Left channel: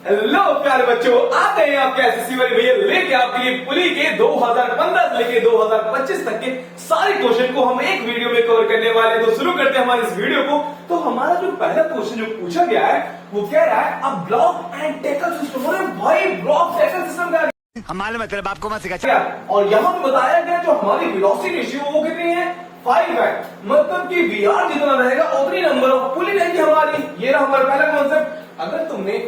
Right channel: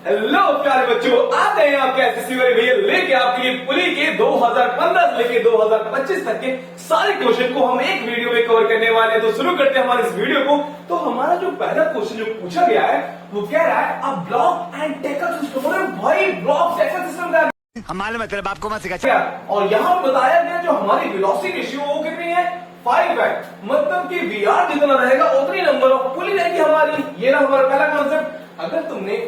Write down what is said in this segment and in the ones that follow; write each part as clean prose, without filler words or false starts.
Hello प्यारे बच्चों, आते हैं आपके एसएससी वाले भैया लेके आपके लिए पुली के 2015 से लेके 2025 तक के सारे क्वेश्चन को हम एक वीडियो में कवर करने वाले हैं। तो शुरू करते हैं हमारे इस वीडियो को। तो हमारा जो पहला क्वेश्चन जो पूछा गया है वो कह रहा है अब ब्लॉक एंड टैकल सिस्टम। अरे भाई, ब्लॉक टैकल सिस्टम का हमारे मतलब आपको मत सिखा। और यहाँ पे बताया गया जो हमारी वेलोसिटी रेशियो वो कितनी है, 5 है। मतलब कि वीआर जितना रहेगा उतनी नंबर ऑफ पुली रहेगी हमारी। ये रहा हमारा पहला कॉन्सेप्ट। अगर तुमने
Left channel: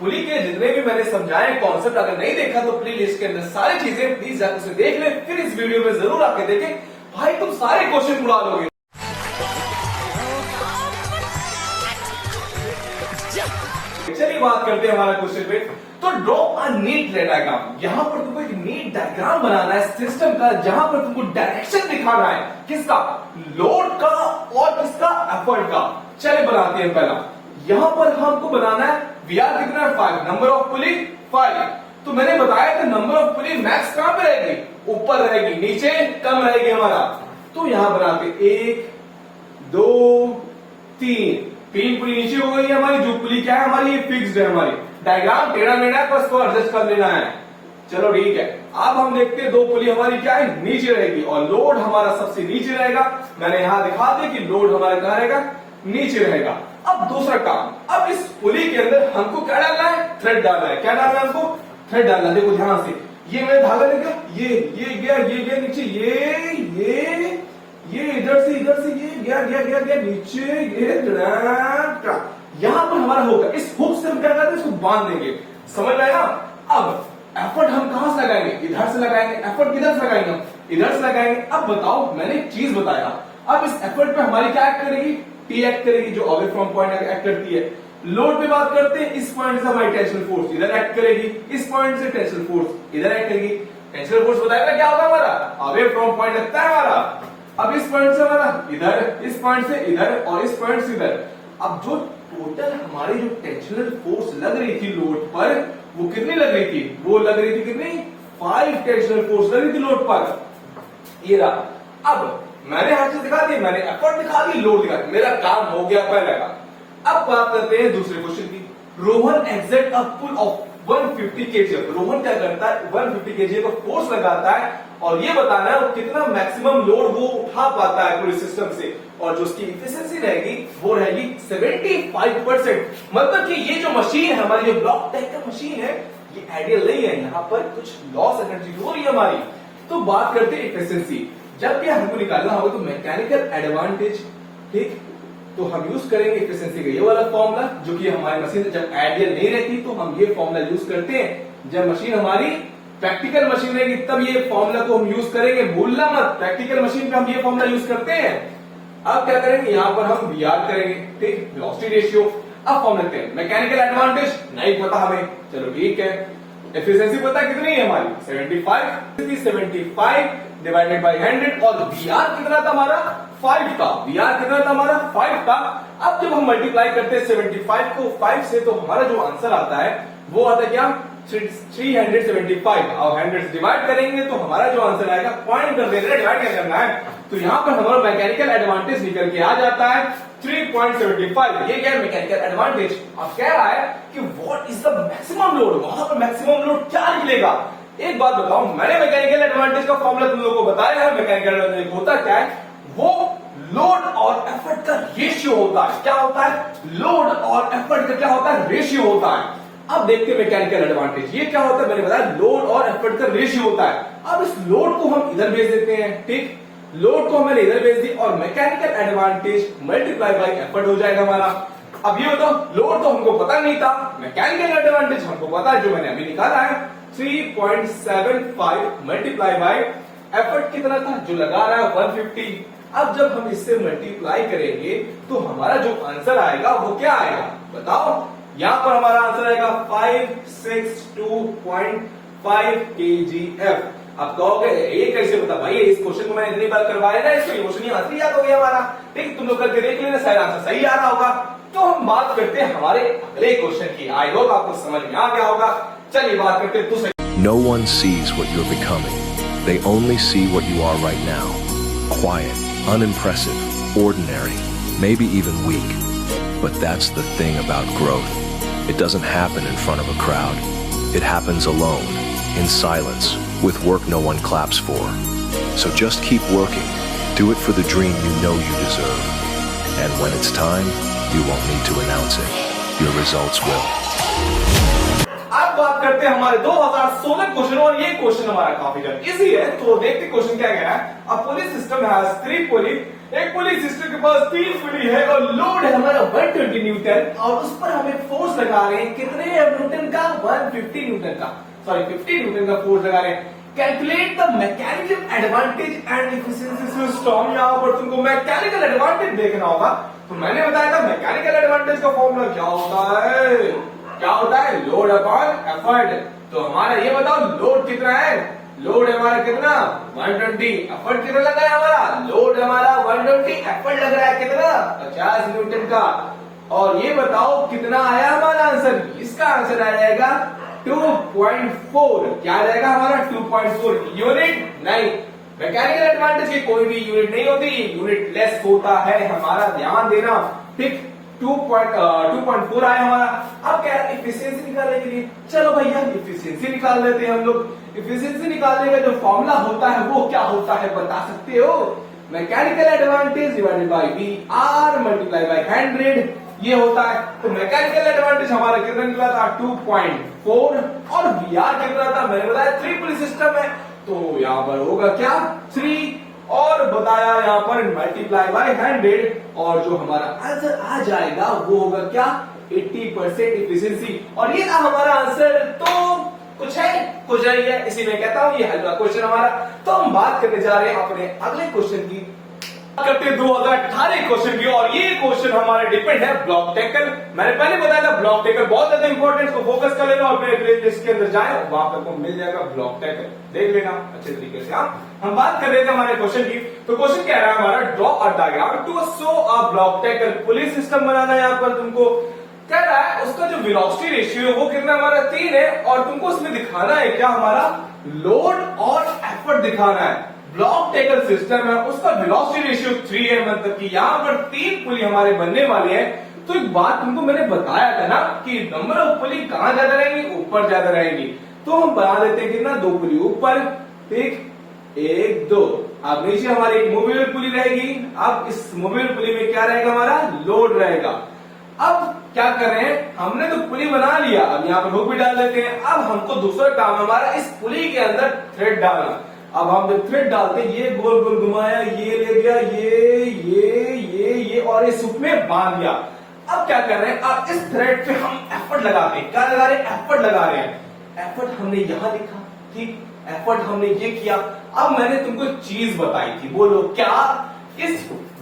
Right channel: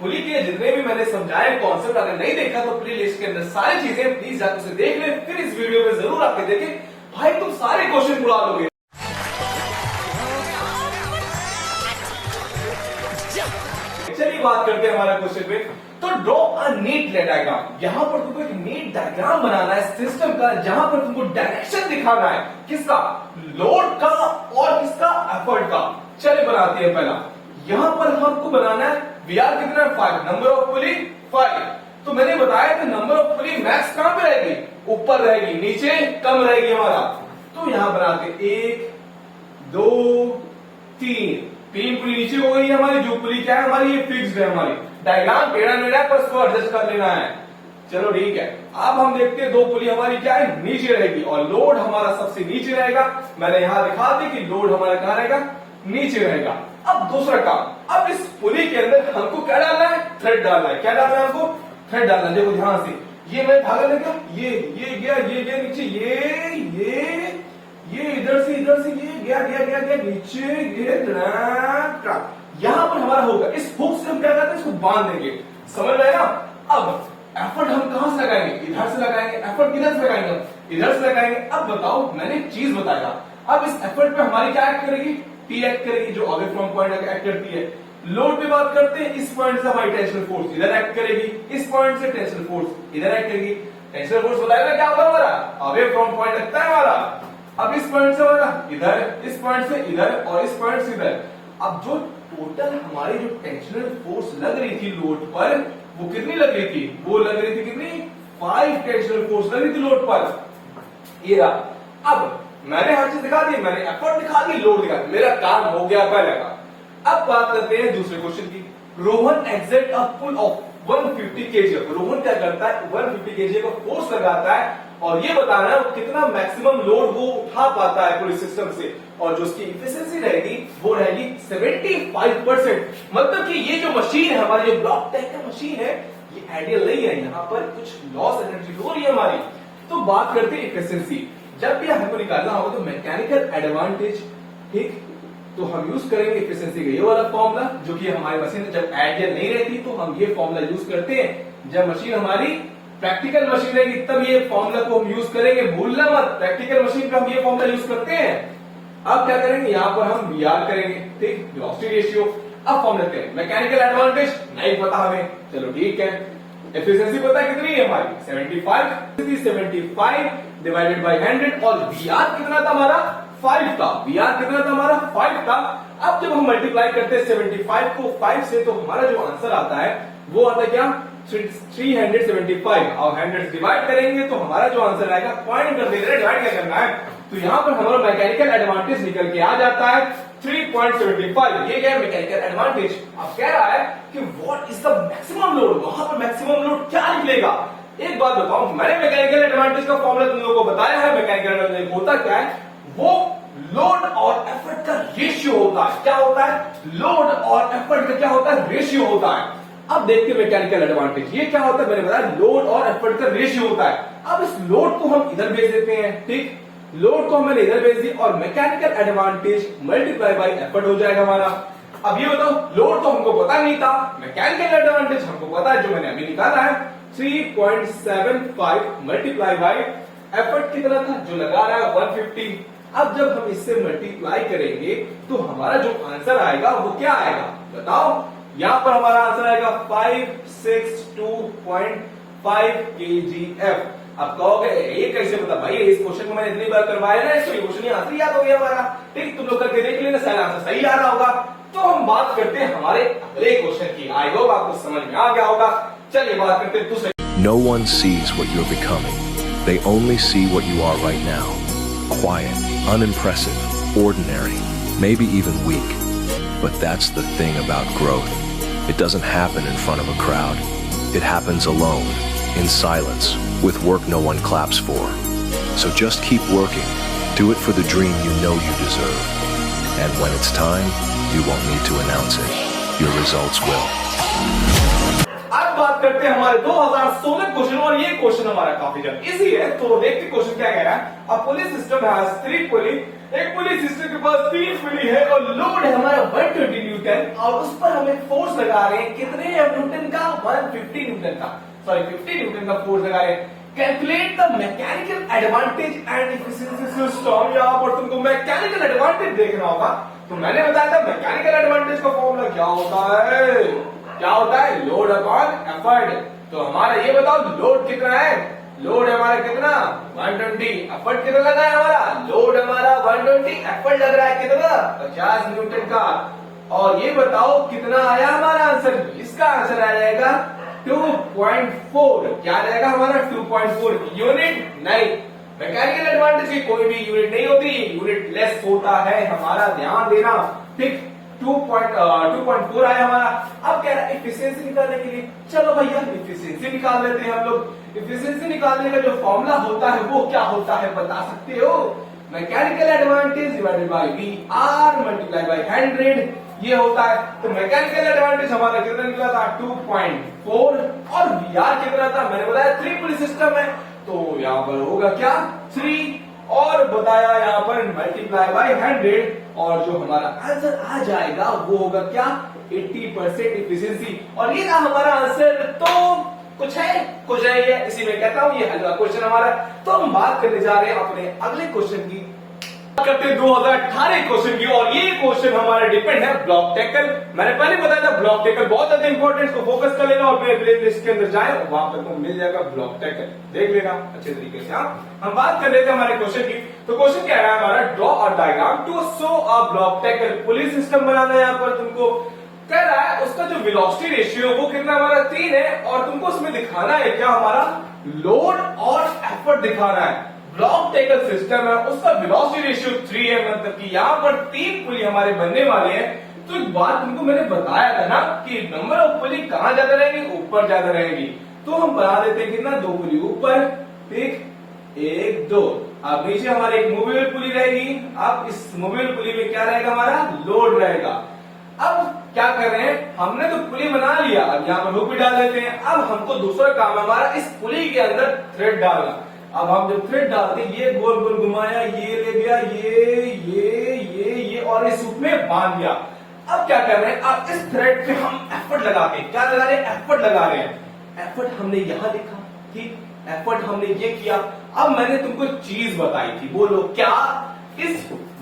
पुली के जितने भी मैंने समझाए कॉन्सेप्ट अगर नहीं देखा तो प्ले लिस्ट के अंदर सारी चीजें प्लीज जाकर उसे देख ले, फिर इस वीडियो में जरूर आके देखें। भाई तुम सारे क्वेश्चन उड़ा लोगे। चलिए बात करते हैं हमारा क्वेश्चन पे। तो ड्रॉ अ नीट डायग्राम। यहाँ पर तुमको एक नीट डायग्राम बनाना है सिस्टम का, जहां पर तुमको डायरेक्शन दिखाना है किसका, लोड का और किसका, एफर्ट का। चलिए बनाते हैं। पहला यहाँ पर हमको बनाना है वीआर कितना है, 5, नंबर ऑफ पुली 5। तो मैंने बताया कि नंबर ऑफ पुली मैक्स कहां पे रहेगी, ऊपर रहेगी, नीचे कम रहेगी हमारा। तो यहां बनाते 1 2 3 पुली नीचे हो गई है हमारी। जो पुली क्या है हमारी, ये फिक्स्ड है हमारी। डायग्राम टेढ़ा मेढ़ा है, बस को एडजस्ट कर लेना है। चलो ठीक है। अब हम देखते हैं 2 पुली हमारी क्या है, नीचे रहेगी और लोड हमारा सबसे नीचे रहेगा। मैंने यहां दिखा दिया कि लोड हमारा कहां रहेगा, नीचे रहेगा। अब दूसरा काम, अब इस पुली के अंदर हमको क्या डालना है, थ्रेड डालना है। क्या डालना है हमको, थ्रेड डालना है। देखो ध्यान से, ये मैं धागा लेगा, ये गया, ये गया नीचे, ये इधर से ये गया नीचे, ये यहां पर हमारा होगा। इस हुक से हम क्या करते हैं, इसको बांध देंगे। समझ रहे ना। अब एफर्ट हम कहां से लगाएंगे, इधर से लगाएंगे। एफर्ट किधर से लगाएंगे, इधर से लगाएंगे। अब बताओ, मैंने एक चीज बताया। अब इस एफर्ट पे हमारी क्या एक्ट करेगी, टी एक्ट करेगी, जो अवे फ्रॉम पॉइंट एक्ट करती है। लोड पे बात करते हैं, इस पॉइंट से हमारी टेंशन फोर्स इधर एक्ट करेगी, इस पॉइंट से टेंशन फोर्स इधर एक्ट करेगी। टेंशन फोर्स बताएगा क्या होगा हमारा, अवे फ्रॉम पॉइंट लगता है हमारा। अब इस पॉइंट से हमारा इधर, इस पॉइंट से इधर और इस पॉइंट से इधर। अब जो टोटल हमारी जो टेंशनल फोर्स लग रही थी लोड पर, वो कितनी लग रही थी, वो लग रही थी कितनी, 5 टेंशनल फोर्स लग रही थी लोड पर। ये रहा। अब मैंने हर चीज दिखा दी, मैंने एफर्ट दिखा दी, लोड दिखा दी, मेरा काम हो गया पहले का। अब बात करते हैं दूसरे क्वेश्चन की। Rohan exert a pull of 150 kg। Rohan क्या करता है, 150 kg का फोर्स लगाता है और ये बताना है कितना मैक्सिमम लोड वो उठा पाता है पूरे सिस्टम से। और जो उसकी इफिशिएंसी रहेगी वो रहेगी 75%। मतलब कि ये जो मशीन है हमारी, जो ब्लॉक टाइप का मशीन है, ये आइडियल नहीं है। यहाँ पर कुछ लॉस एनर्जी हो रही है हमारी। तो बात करते हैं इफिशिएंसी। जब भी हमको निकालना होगा तो मैकेनिकल एडवांटेज, ठीक, तो हम यूज करेंगे इफिशिएंसी का ये वाला फॉर्मूला, जो कि हमारी मशीन जब आइडियल नहीं रहती तो हम ये फॉर्मूला यूज करते हैं। जब मशीन हमारी प्रैक्टिकल मशीन रहेगी तब ये फॉर्मूला को हम यूज करेंगे, भूलना मत। प्रैक्टिकल मशीन पे हम ये फॉर्मूला यूज करते हैं। अब क्या करेंगे, यहाँ पर हम वीआर करेंगे, ठीक, वेलोसिटी रेशियो। अब फॉर्मूला लेते हैं। मैकेनिकल एडवांटेज नहीं पता हमें, चलो ठीक है। एफिशिएंसी पता कितनी है हमारी, 75 डिवाइडेड बाई 100। और वीआर कितना था हमारा, 5 था। वीआर कितना था हमारा, 5 था। अब जब हम मल्टीप्लाई करते हैं 75 को 5 से, तो हमारा जो आंसर आता है वो आता है क्या, 375। और 100 से डिवाइड करेंगे तो हमारा जो आंसर आएगा, पॉइंट कर देना, डिवाइड क्या करना है। तो यहाँ पर हमारा मैकेनिकल एडवांटेज निकल के आ जाता है 3.75। ये क्या है, मैकेनिकल एडवांटेज। अब कह रहा है कि what is the maximum load. वहां पर मैक्सिमम लोड क्या निकलेगा। एक बात बताओ, मैंने मैकेनिकल एडवांटेज का फॉर्मूला तुम लोगों को बताया है। मैकेनिकल एडवांटेज होता क्या है, वो लोड और एफर्ट का रेशियो होता है। क्या होता है, लोड और एफर्ट का क्या होता है, रेशियो होता है। अब देखते हैं मैकेनिकल एडवांटेज, ये क्या होता है। मैंने बताया लोड और एफर्ट का रेशियो होता है। अब इस लोड को हम इधर भेज देते हैं, ठीक, लोड को मैंने इधर भेज दी और mechanical advantage multiply by effort हो जाएगा हमारा। अब ये बताओ, लोड तो हमको पता नहीं था, मैकेनिकल एडवांटेज हमको पता है, जो मैंने अभी निकाला है 3.75 मल्टीप्लाई बाई एफर्ट कितना था, जो लगा रहा है 150। अब जब हम इससे मल्टीप्लाई करेंगे तो हमारा जो आंसर आएगा वो क्या आएगा बताओ। यहां पर हमारा आंसर आएगा 562.5 kgf। अब कहोगे ये कैसे पता, भाई इस क्वेश्चन को मैंने इतनी बार करवाया ना, इसको क्वेश्चन आंसर याद हो गया हमारा, ठीक, तुम लोग करके देख लेना, शायद आंसर सही आ रहा होगा। तो हम बात करते हैं हमारे अगले क्वेश्चन की। आई होप आपको समझ में आ गया होगा। चलिए बात करते हैं दूसरे। No one sees what you're becoming. They only see what you are right now. Quiet, unimpressive, ordinary, maybe even weak. But that's the thing about growth. It doesn't happen in front of a crowd. It happens alone, in silence, with work no one claps for. So just keep working. Do it for the dream you know you deserve. And when it's time, you won't need to announce it. Your results will. अब बात करते हैं हमारे 2016 question और ये question हमारा काफी easy है। तो देखते क्वेश्चन क्या कह रहा है। अब पुलिस सिस्टम हैज 3 पुली। एक पुलिस सिस्टम के पास 3 पुली है और लोड है हमारा 120 न्यूटन और उस पर हम एक फोर्स लगा रहे हैं कितने न्यूटन का 150 न्यूटन का 50 न्यूटन का फोर्स लगा रहे हैं। Calculate the mechanical advantage and efficiency system. यहाँ पर तुमको मैकेनिकल एडवांटेज देखना होगा। तो मैंने बताया था मैकेनिकल एडवांटेज का फॉर्मूला क्या होता है लोड अपॉन एफर्ट। तो हमारा ये बताओ लोड कितना है। लोड हमारा कितना 120। एफर्ट कितना लग रहा है हमारा। लोड हमारा 120 एफर्ट लग रहा है कितना 50 न्यूटन का। और ये बताओ कितना आया हमारा आंसर। इसका आंसर आ जाएगा 2.4। क्या रहेगा हमारा 2.4 यूनिट। नहीं, मैकेनिकल एडवांटेज की कोई भी यूनिट नहीं होती, यूनिट लेस होता है हमारा, ध्यान देना। ठीक 2.4 आया हमारा। अब क्या है इफिशियंसी निकालने के लिए चलो भैया इफिशियंसी निकाल लेते हैं हम लोग। इफिशियंसी निकालने का जो फॉर्मूला होता है वो क्या होता है बता सकते हो। Mechanical advantage divided by V R multiply by 100 ये होता है। तो मैकेनिकल एडवांटेज हमारा कितना निकला था 2.4 और वी आर कितना था मैंने बताया 3 पुलिस सिस्टम है तो यहाँ पर होगा क्या 3 और बताया यहाँ पर मल्टीप्लाई बाय 100 और जो हमारा आंसर आ जाएगा वो होगा क्या 80% इफिशियंसी। और ये था हमारा आंसर। तो कुछ है ये इसी में कहता हूं ये हल्का क्वेश्चन हमारा। तो हम बात करने जा रहे हैं अपने अगले क्वेश्चन की। करते 2018 क्वेश्चन की और ये क्वेश्चन हमारा डिपेंड है ब्लॉक टैकल। मैंने पहले बताया था ब्लॉक टैकल बहुत ज्यादा इंपॉर्टेंट, इसको फोकस कर लेना और मेरे प्लेलिस्ट के अंदर जाए वहां पर आपको मिल जाएगा ब्लॉक टैकल, देख लेना अच्छे तरीके से। हम बात कर लेते हैं हमारे क्वेश्चन की। तो क्वेश्चन कह रहा है हमारा draw a diagram to show a block tackle. Pulleys system बनाना है यहाँ पर तुमको कह रहा है। उसका जो वेलोसिटी रेशियो वो कितना हमारा 3 है और तुमको उसमें दिखाना है क्या हमारा लोड और एफर्ट दिखाना है। ब्लॉक टैकल सिस्टम है उसका वेलोसिटी रेशियो 3 है, मतलब कि यहाँ पर 3 पुली हमारे बनने वाले हैं। तो एक बात तुमको मैंने बताया था ना कि नंबर ऑफ पुली कहां ज्यादा रहेंगी ऊपर ज्यादा रहेंगी। तो हम बना देते हैं कितना 2 पुली ऊपर, ठीक 1 2। अब नीचे हमारी एक मूवेबल पुली रहेगी। अब इस मूवेबल पुली में क्या रहेगा हमारा लोड रहेगा। अब क्या कर रहे हैं हमने तो पुली बना लिया, अब यहाँ पर हुक भी डाल देते हैं। अब हमको दूसरा काम हमारा इस पुली के अंदर थ्रेड डालना। अब हम जब थ्रेड डालते ये गोल गोल घुमाया, ये ले गया, ये और इस हुक में बांध दिया। अब क्या कर रहे हैं अब इस थ्रेड पे हम एफर्ट लगाते हैं। क्या लगा रहे हैं एफर्ट लगा रहे हैं। एफर्ट हमने यहां लिखा, ठीक एफर्ट हमने ये किया। अब मैंने तुमको चीज बताई थी, बोलो क्या। इस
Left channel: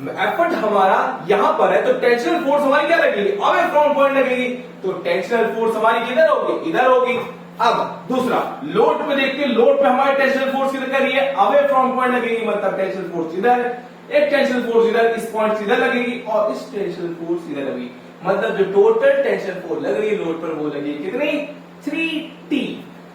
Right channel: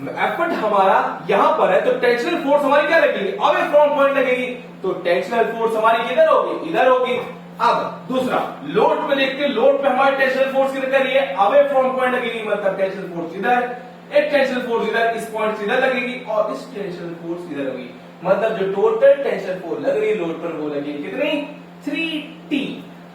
एफर्ट हमारा यहां पर है तो टेंशनल फोर्स हमारी क्या लगेगी अवे फ्रॉम पॉइंट लगेगी। तो टेंशनल फोर्स हमारी किधर होगी इधर होगी। अब दूसरा लोड पे देखते हैं, लोड पे हमारी टेंशनल फोर्स किधर कर रही है अवे फ्रॉम पॉइंट लगेगी, मतलब टेंशनल फोर्स इधर, एक टेंशनल फोर्स इधर इस पॉइंट इधर लगेगी और इस टेंशनल फोर्स इधर लगेगी। मतलब जो टोटल टेंशन फोर्स लग रही लोड पर वो लगेगी कितनी 3T।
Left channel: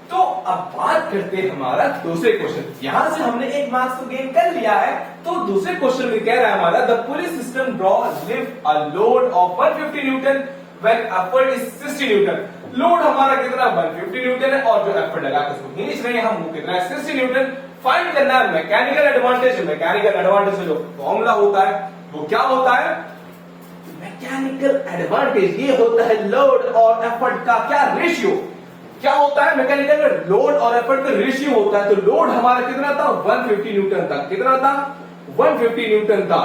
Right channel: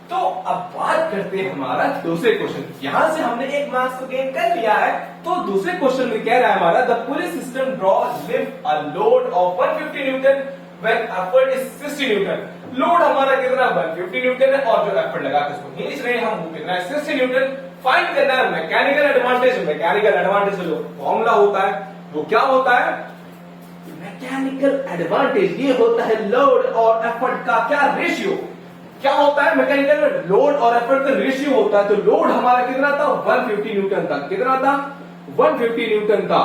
तो अब बात करते हैं हमारा दूसरे क्वेश्चन। यहां से हमने एक मार्क्स को गेन कर लिया है। तो दूसरे क्वेश्चन में कह रहा है हमारा the police system draw lift a load of 150 Newton when effort is 60 Newton. Load हमारा कितना 150 न्यूटन है और जो एफर्ट लगा उसको खींच रहे हैं हम वो कितना है 60 न्यूटन। फाइंड करना है मैकेनिकल एडवांटेज। मैकेनिकल एडवांटेज जो फॉर्मूला होता है वो क्या होता है मैकेनिकल एडवांटेज ये होता है लोड और एफर्ट का क्या रेशियो। क्या होता है मैकेनिकल में लोड और एफर्ट का रेशियो होता है। तो लोड हमारा कितना था 150 न्यूटन था, कितना था 150 न्यूटन था।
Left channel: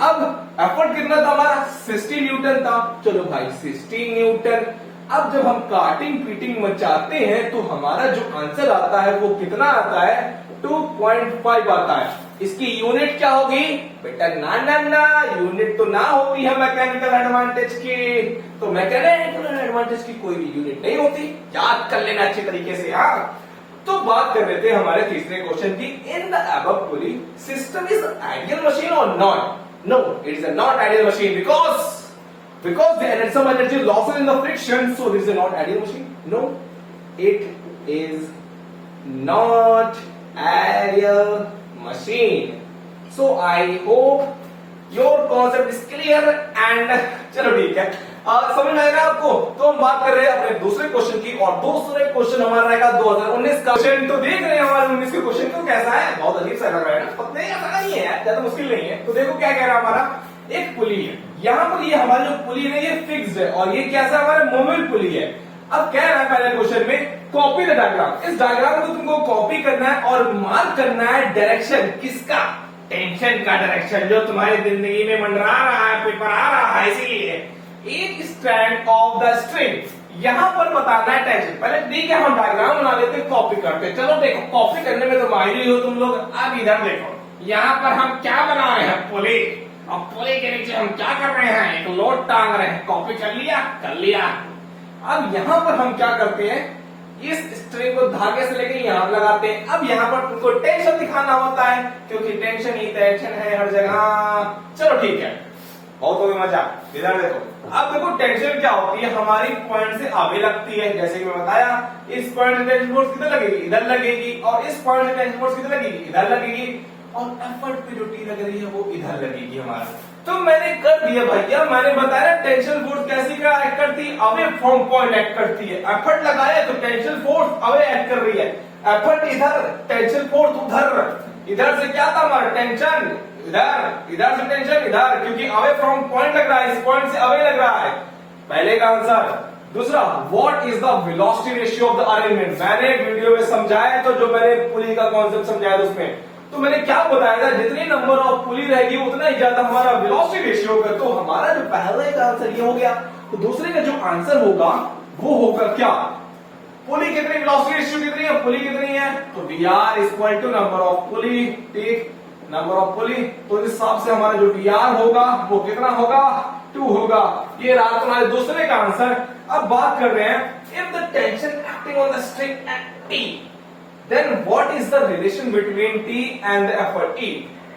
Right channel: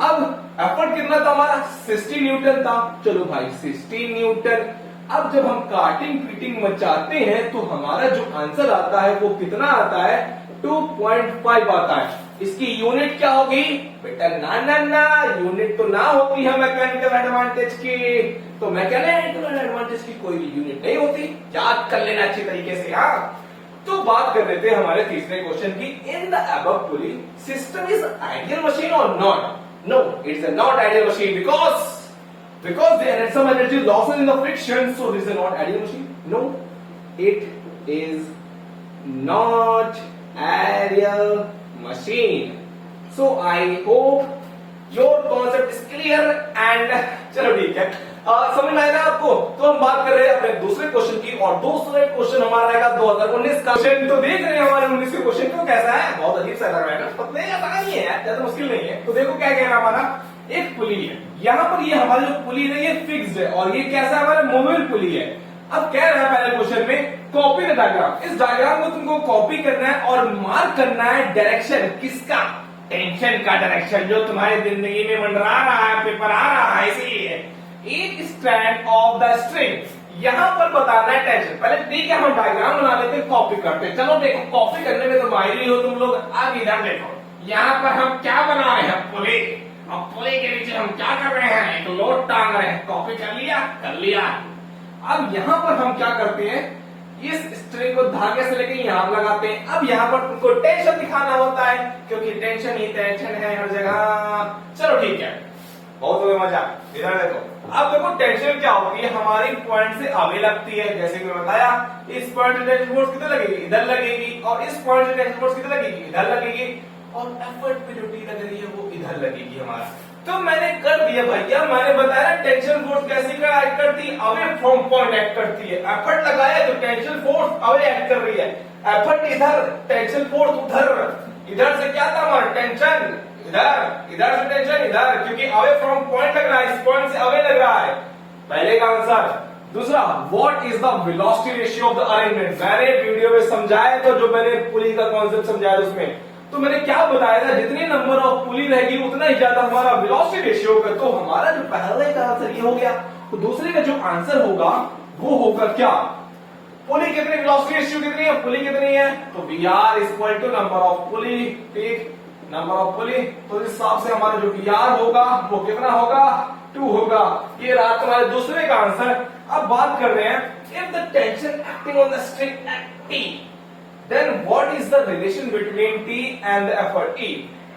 अब एफर्ट कितना था हमारा 60 न्यूटन था। चलो भाई 60 न्यूटन। अब जब हम काटिंग पीटिंग मचाते हैं तो हमारा जो आंसर आता है वो कितना आता है 2.5 आता है। इसकी यूनिट क्या होगी बेटा ना यूनिट तो ना होती है मैकेनिकल एडवांटेज की। तो मैकेनिकल एडवांटेज की कोई भी यूनिट नहीं होती, याद कर लेना अच्छे तरीके से। हाँ तो बात कर लेते हैं हमारे तीसरे क्वेश्चन की। In the above pulley system is ideal machine और not. No it is not ideal machine because they had some energy losses in the friction, so this is not ideal machine. No, it is not ideal machine. So I hope your concept is clear and चलो ठीक है समझ में आया ना आपको? तो हम बात कर रहे हैं अपने दूसरे क्वेश्चन की, और दूसरे क्वेश्चन हमारा रहेगा 2019 का क्वेश्चन। तो देख रहे हैं हमारे 19 के क्वेश्चन को कैसा है, बहुत अजीब सा लग रहा है ना, पता नहीं आसान नहीं है यार, ज्यादा मुश्किल नहीं है। तो देखो क्या कह रहा है हमारा, एक पुली है, यहाँ पर ये हमारी जो पुली है ये फिक्स्ड है, और ये कैसा हमारा मूवेबल पुली है। अब कह रहा है पहले क्वेश्चन में कॉपी द डायग्राम, इस डायग्राम को तुमको कॉपी करना है और मार्क करना है डायरेक्शन किसका, टेंशन का डायरेक्शन, जो तुम्हारी जिंदगी में मंडरा रहा है, पेपर आ रहा है, इसीलिए एक स्ट्रैंड ऑफ द स्ट्रिंग, यहां पर बताना है टेंशन। पहले ठीक है हम डायग्राम बना लेते हैं, कॉपी करते हैं। चलो देखो कॉपी करने में तो माहिर हो तुम लोग। अब इधर देखो, यहाँ पर हम क्या बना रहे हैं, पुली। अब पुली के नीचे हम क्या कर रहे हैं, एक लोड टांग रहे हैं। कॉपी कर लिया, कर लिया। अब यहाँ पर हम क्या करते हैं, इस स्ट्रिंग को धागे से लेकर यहां लगाते हैं। अब यहाँ पर तुमको टेंशन दिखाना होता है, क्योंकि टेंशन ही टेंशन है हर जगह। चलो ठीक है, बहुत हो गया मजा। इधर देखो, अब देखो टेंशन क्या होती है, हमारी पॉइंट से आगे लगती है। जैसे कि मैं बताया, इस पॉइंट से टेंशन फोर्स किधर लगेगी, इधर लगेगी, और इस पॉइंट से टेंशन फोर्स किधर लगेगी, इधर लगेगी, और एफर्ट पे जो टी लग रही है वो इधर लगेगी हमारा। तो मैंने कर दिया भैया, मैंने बताया टेंशन फोर्स कैसी का एक्ट करती है, अवे फ्रॉम पॉइंट एक्ट करती है। एफर्ट लगाया तो टेंशन फोर्स अवे एक्ट कर रही है, एफर्ट इधर, टेंशन फोर्स उधर। इधर से क्या था हमारा, टेंशन इधर, इधर से टेंशन इधर, क्योंकि अवे फ्रॉम पॉइंट लग रहा है, इस पॉइंट से अवे लग रहा है। पहले का आंसर। दूसरा, what is the velocity ratio of the arrangement, मैंने वीडियो में समझाया, तो जो मैंने पुली का कॉन्सेप्ट समझाया उसमें तो मैंने क्या बताया था, जितनी नंबर ऑफ पुली रहेगी उतना ही ज्यादा हमारा वेलोसिटी रेशियो होगा। तो हमारा जो पहले का आंसर ये हो गया, तो दूसरे का जो आंसर होगा वो होगा क्या, पुली कितनी, वेलोसिटी रेशियो कितनी है, पुली कितनी है, तो V R equal to number of pulley, ठीक, नंबर ऑफ पुली। तो इस हिसाब से हमारा जो वी आर होगा वो कितना होगा, 2 होगा। ये रहा तुम्हारे दूसरे का आंसर। अब बात कर रहे हैं, if the tension acting on the string at T, then what is the relation between T and the effort T?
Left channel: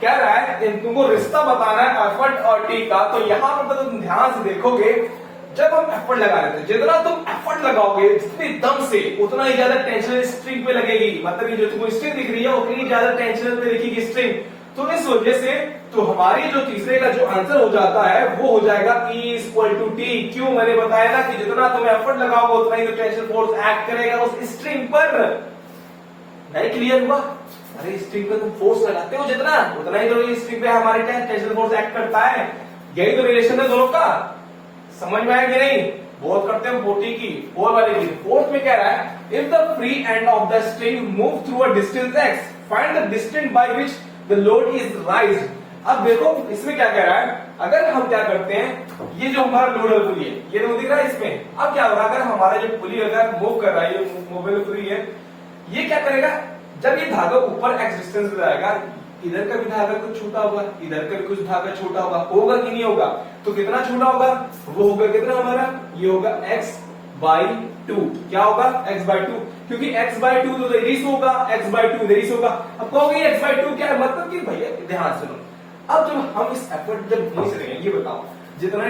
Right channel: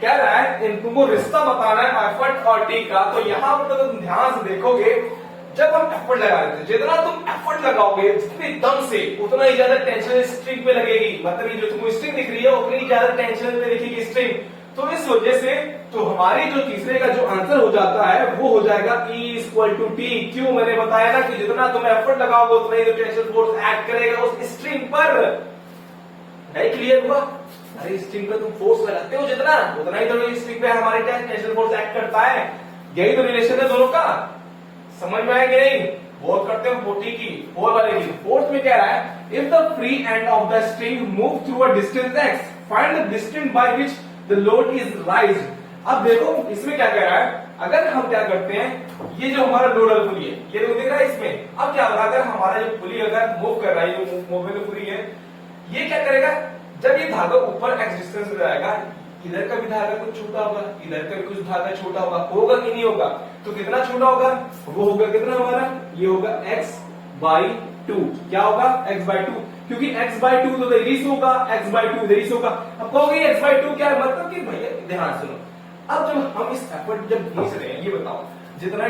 कह रहा है इन तुमको रिश्ता बताना है एफर्ट और टी का। तो यहां पर तुम ध्यान से देखोगे, जब हम एफर्ट लगा रहे थे, जितना तुम एफर्ट लगाओगे जितनी दम से, उतना ही ज्यादा टेंशन स्ट्रिंग पे लगेगी। मतलब ये जो तुमको स्ट्रिंग दिख रही है उतनी ज्यादा टेंशन पे दिखेगी स्ट्रिंग। तो इस वजह से तो हमारी जो तीसरे का जो आंसर हो जाता है वो हो जाएगा E इक्वल टू टी। क्यों, मैंने बताया ना कि जितना तुम एफर्ट लगाओगे उतना ही तो टेंशन फोर्स एक्ट करेगा उस स्ट्रिंग पर। नहीं क्लियर हुआ? अरे स्ट्रिंग पे तुम फोर्स लगाते हो जितना, उतना ही तो ये स्ट्रिंग पे हमारे टेंशन फोर्स एक्ट करता है। यही तो रिलेशन है दोनों का। समझ में आया कि नहीं? बहुत करते हो फोर्टी की, फोर वाले की। फोर्थ में कह रहा है, if the free end of the string move through a distance x, find the distance by which the load is राइज्ड। अब देखो इसमें क्या कह रहा है, अगर हम क्या करते हैं, ये जो हमारा लोडर पुली है, ये तो दिख रहा है इसमें। अब क्या होगा, अगर हमारा ये पुली अगर मूव कर रहा है, ये मोबाइल पुली है, ये क्या करेगा, जब ये धागा ऊपर x डिस्टेंस में जाएगा, इधर का भी धागा कुछ छोटा होगा, इधर का भी कुछ धागा छोटा होगा कि नहीं होगा? तो कितना छोटा होगा, वो होगा कितना हमारा, ये होगा x/2। क्या होगा, x/2, क्योंकि x/2 तो इधर होगा, x/2 इधर होगा। अब कहोगे x/2 क्या है, मतलब कि भैया ध्यान सुनो, अब जो हम इस एफर्ट जब खींच रहे हैं, ये बताओ जितना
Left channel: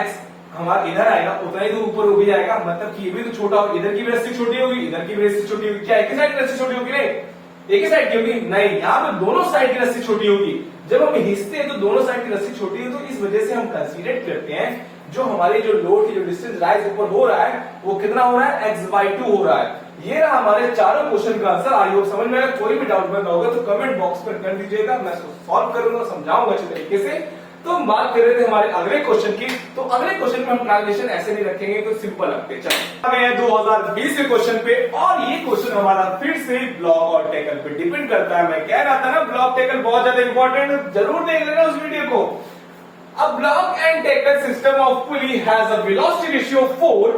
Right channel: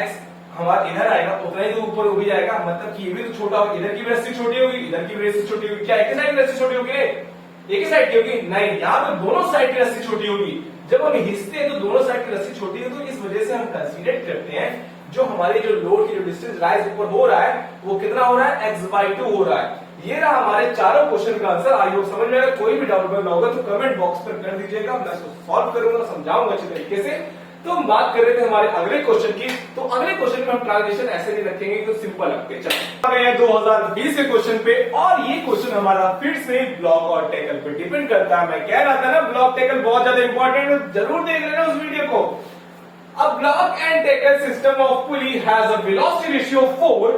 x हमारा इधर आएगा उतना ही तो ऊपर हो भी जाएगा। मतलब कि ये भी तो छोटा होगा, इधर की भी रस्सी छोटी होगी, इधर की भी रस्सी छोटी होगी। क्या एक ही साइड की रस्सी छोटी होगी, एक ही साइड की होगी? नहीं, यहाँ पे दोनों साइड की रस्सी छोटी होगी। जब हम खींचते हैं तो दोनों साइड की रस्सी छोटी है, तो इस वजह से हम कंसीडर करते हैं जो हमारे जो लोड की जो डिस्टेंस राइज ऊपर हो रहा है वो कितना हो रहा है, x/2 हो रहा है। ये रहा हमारे चारों क्वेश्चन का आंसर। आई होप समझ में आएगा। कोई भी डाउट बना होगा तो कमेंट बॉक्स पर कर दीजिएगा, मैं इसको सॉल्व करूंगा, समझाऊंगा अच्छी तरीके से। तो हम बात कर रहे थे हमारे अगले क्वेश्चन की। तो अगले क्वेश्चन में हम ट्रांसलेशन ऐसे नहीं रखेंगे तो सिंपल रखते चलिए 2020 के क्वेश्चन पे। और ये क्वेश्चन हमारा फिर से ब्लॉक और टैकल पे डिपेंड करता है। मैं कह रहा था ना ब्लॉक टैकल बहुत ज्यादा इंपॉर्टेंट है, जरूर देख लेना उस वीडियो को। A block and tackle system of pulley has a velocity ratio of 4.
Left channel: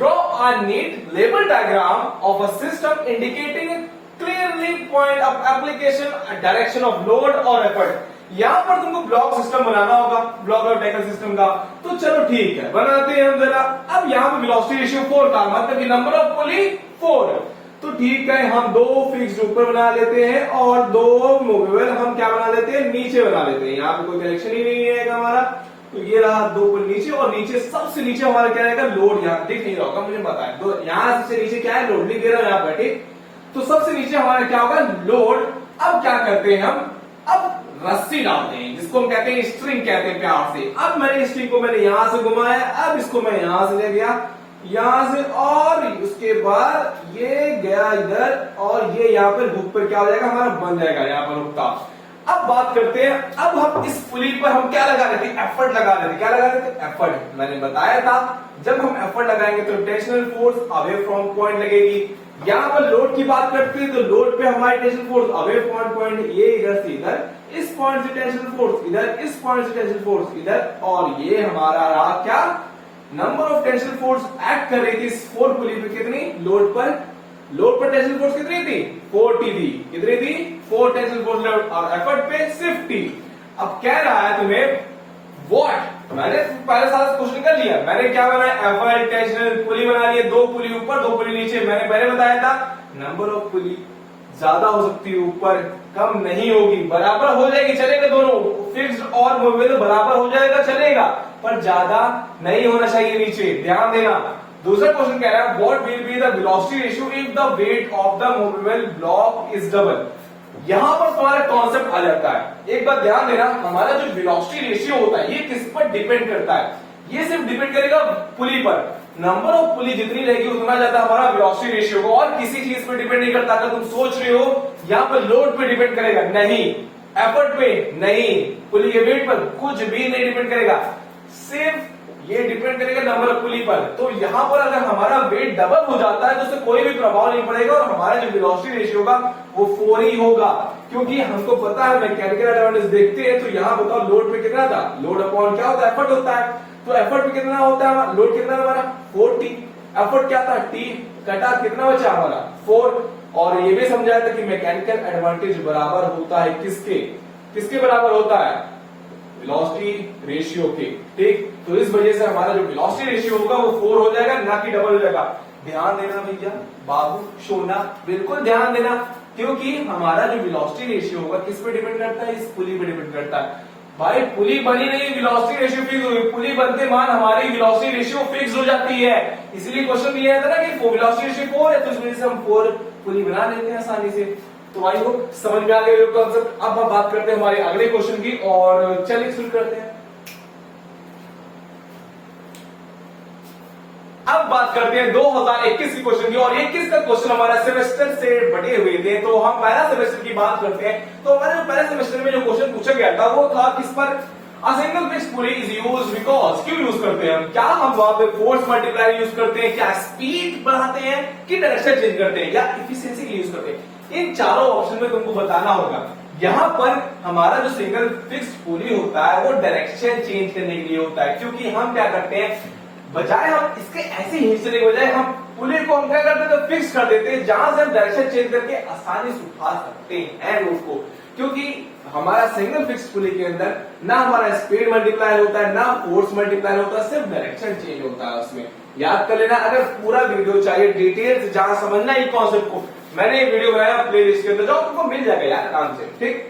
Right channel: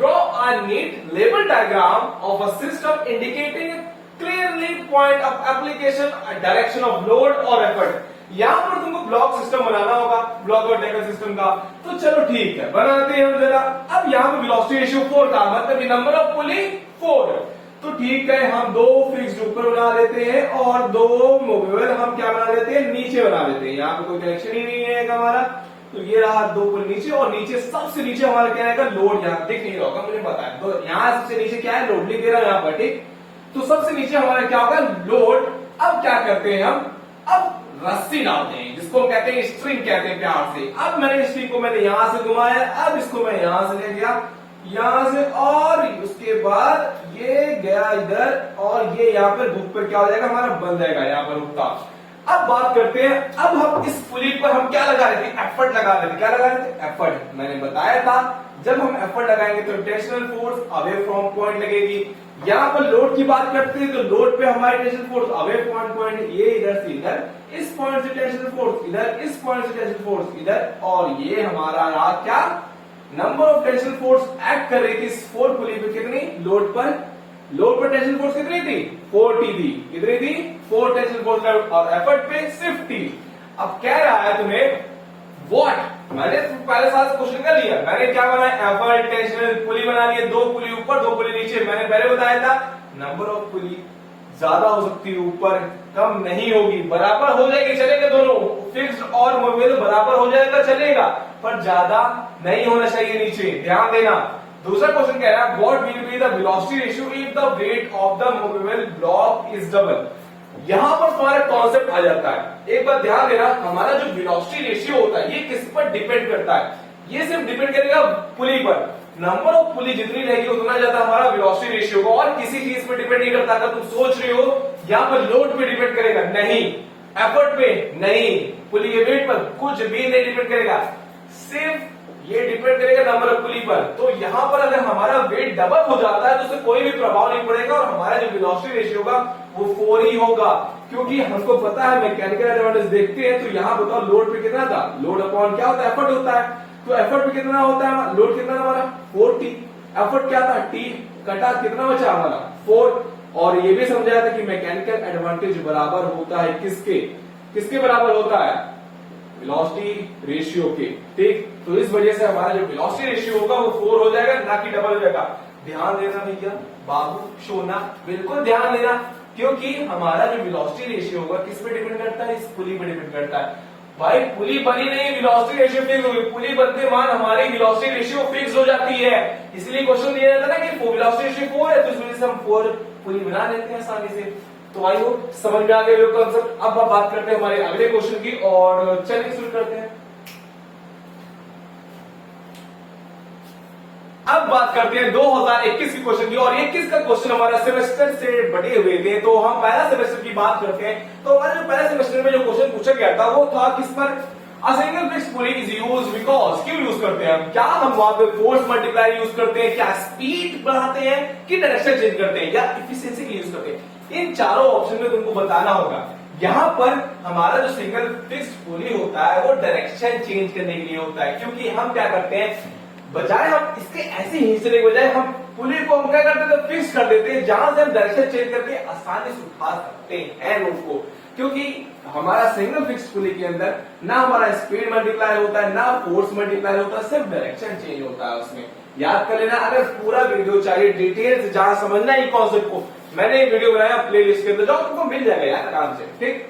Draw a neat label diagram of a system indicating a clearly point of application, a direction of load or effort. यहां पर तुमको block system बनाना होगा, block और tackle system का। तो चलो ठीक है, बनाते हैं हम जरा। अब यहाँ पे वेलोसिटी रेशियो 4 का मतलब कि नंबर ऑफ पुली 4। तो ठीक है, हम 2 फिक्स्ड ऊपर बना लेते हैं और 2 मूवेबल हम क्या बना लेते हैं, नीचे बना लेते हैं। यहाँ पे कोई कनेक्शन ही नहीं है हमारा। तो ये रहा 2 पुल नीचे, और नीचे सबसे नीचे हमारा क्या रहेगा, लोड। यहाँ दिख नहीं रहा होगा मुझे पता है, तो यहाँ सबसे नीचे क्या है, लोड लिख दे रहा हूं यहाँ पर, ठीक। तो सबसे नीचे हमारा क्या होगा, लोड। अब क्या करते हैं हम, अब रस्सी डालते हैं, जिसको इसको हम कहते हैं स्ट्रिंग कहते हैं प्यार से। अब मैंने स्ट्रिंग को मैंने यहां से घुमाया, अब इसको मैं यहां से ले गया, यहां से, और उसके बाद ये गया इधर, और ये यहाँ पर हुक पे क्या हो जाएगा हमारा, बन जाएगा यहाँ पर हुक का। अब बात करते हैं, अब हम इस पुली पर हम क्या लगा रहे थे, एफर्ट लगा रहे थे। क्या लगा रहे थे, एफर्ट। मैंने बताया था जब हम एफर्ट लगाएंगे तो tensional force away from point लगेगी। यहाँ पर लोड की बात करते हैं तो लोड पे हमारी tension force away from point, ये इधर से इधर, इस पॉइंट से टेंशन फोर्स इधर, इस पॉइंट से टेंशन फोर्स इधर, और ये हमारा यहाँ क्या number of tension force act कर रही थी इस 4 पुली पे, कितनी लोड पर टेंशन फोर्स कितनी थी, 40 थी। कितनी थी, 4 टेंशन फोर्स, और एफर्ट पे 50। अब कह रहा है तुम्हें व्हाट, मैंने पहले साल क्वेश्चन कर लिया, मैंने क्या बनाया, एफर्ट टेंशन पुली बना लिया, 2 पुली ऊपर 2 पुली नीचे। मैंने पहले बताया था नंबर ऑफ पुली ज्यादा हो सकती है ऊपर, कम नहीं होगी, बराबर हो जाएगी, चलेगा दोनों फिक्स्ड और मूवेबल बराबर हो जाएगा, चलेगा, पर ज्यादा नहीं होना चाहिए नीचे, ध्यान देना। दूसरा क्वेश्चन कह रहा है what will be the velocity ratio if the weight of the movable block is double. यहां पर तुम्हारा कॉन्सेप्ट आ जाता है, एक बात ध्यान देना, हमारा जो वेलोसिटी रेशियो होता है ये किस पर डिपेंड करता है, ये सिर्फ डिपेंड करेगा पुली पर। नंबर ऑफ पुली जितनी रहेगी उतना ज्यादा हमारा वेलोसिटी रेशियो होगा, और किसी चीज पे डिपेंड नहीं करता। अगर तुम सोच रहे हो यहाँ पर लोड पे डिपेंड करेगा, नहीं, एफर्ट पे नहीं, पुली के वेट पर कुछ भी नहीं डिपेंड करेगा, सिर्फ ये डिपेंड करेगा नंबर ऑफ पुली पर। तो यहां पर अगर हमारा वेट डबल हो जाता है तो उससे कोई भी प्रभाव नहीं पड़ेगा, और हमारा जो वेलोसिटी रेशियो होगा वो 4 ही होगा, क्योंकि हमको पता है मैकेनिकल एडवांटेज देखते हैं। तो यहां बताओ लोड पे कितना था, लोड अपॉन क्या होता है, एफर्ट होता है, तो एफर्ट पे कितना होता है, लोड कितना हमारा 4T, एफर्ट क्या था T, कटा कितना बचा हमारा 4। और ये भी समझाया था कि मैकेनिकल एडवांटेज बराबर होता है किसके बराबर होता है, वेलोसिटी रेशियो के, ठीक। तो इस वजह से हमारा जो वेलोसिटी रेशियो होगा वो 4 हो जाएगा, ना कि डबल हो जाएगा। ध्यान देना भैया, बाबू सोना, बिल्कुल ध्यान देना, क्योंकि हमारा जो वेलोसिटी रेशियो होगा किस पे डिपेंड करता है, इस पुली पे डिपेंड करता है। भाई पुली बनी नहीं, वेलोसिटी रेशियो फिक्स होगी, पुली बनते मान हमारी वेलोसिटी रेशियो फिक्स हो जाती है। इसलिए क्वेश्चन दिया जाता है ना कि वेलोसिटी रेशियो 4 है, तो इस वजह से हम 4 पुली बना लेते हैं आसानी से। तो आई होप समझ में आ गया कॉन्सेप्ट। अब हम बात करते हैं हमारे अगले क्वेश्चन की, और चलिए शुरू करते हैं। अब बात करते हैं 2021 की क्वेश्चन की, और 21 का क्वेश्चन हमारा सेमेस्टर से बटे हुए थे। तो हम पहला सेमेस्टर की बात करते हैं, तो हमारे जो पहले सेमेस्टर में जो क्वेश्चन पूछा गया था वो था किस पर, a single fixed pulley is used because, क्यों यूज करते हैं हम, क्या हम वहां पे फोर्स मल्टीप्लायर यूज करते हैं, क्या स्पीड बढ़ाते हैं, कि डायरेक्शन चेंज करते हैं, या इफिशिएंसी यूज करते हैं। इन चारों ऑप्शन में तुमको बताना होगा। यहां पर हमारा जो सिंगल फिक्स्ड पुली होता है वो डायरेक्शन चेंज करने के लिए होता है, क्योंकि हम क्या करते हैं, बजाय हम इसके ऐसे हिस्से के बजाय हम पुली को हम क्या करते हैं, फिक्स कर देते हैं, जहां से हम डायरेक्शन चेंज करके आसानी से उठा सकते हैं रोड को। क्योंकि हमारा सिंगल फिक्स पुली के अंदर ना हमारा स्पीड मल्टीप्लाई होता है, ना फोर्स मल्टीप्लाई होता है, सिर्फ डायरेक्शन चेंज होता है उसमें। याद कर लेना, अगर पूरा वीडियो चाहिए डिटेल से जहां समझना है कॉन्सेप्ट को, मैंने ये वीडियो बनाया प्लेलिस्ट के अंदर, जाओ तुमको मिल जाएगा यार आराम से, ठीक।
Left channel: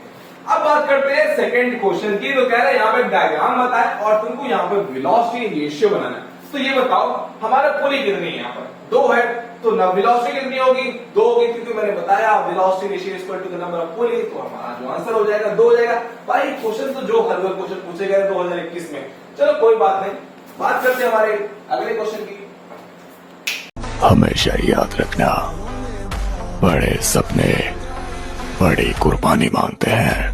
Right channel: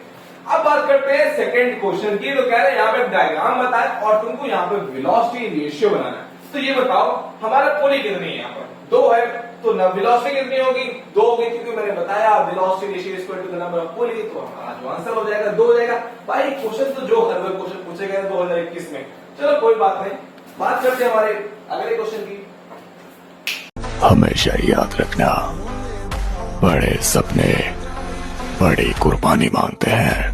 अब बात करते हैं सेकंड क्वेश्चन की। तो कह रहे हैं यहाँ पे डायग्राम बताए और तुमको यहाँ पे वेलोसिटी रेशियो बनाना है। तो ये बताओ हमारा पुली कितनी है, यहाँ पर 2 है, तो वेलोसिटी कितनी होगी, 2 होगी, क्योंकि मैंने बताया velocity ratio equal to the number of pulley, तो हमारा जो आंसर हो जाएगा 2 हो जाएगा। भाई क्वेश्चन तो जो हर बार क्वेश्चन पूछे गए 2021 में, चलो कोई बात नहीं। बात करते हैं हमारे अगले क्वेश्चन की। हमेशा याद रखना, बड़े सपने बड़ी कुर्बानी मांगते हैं।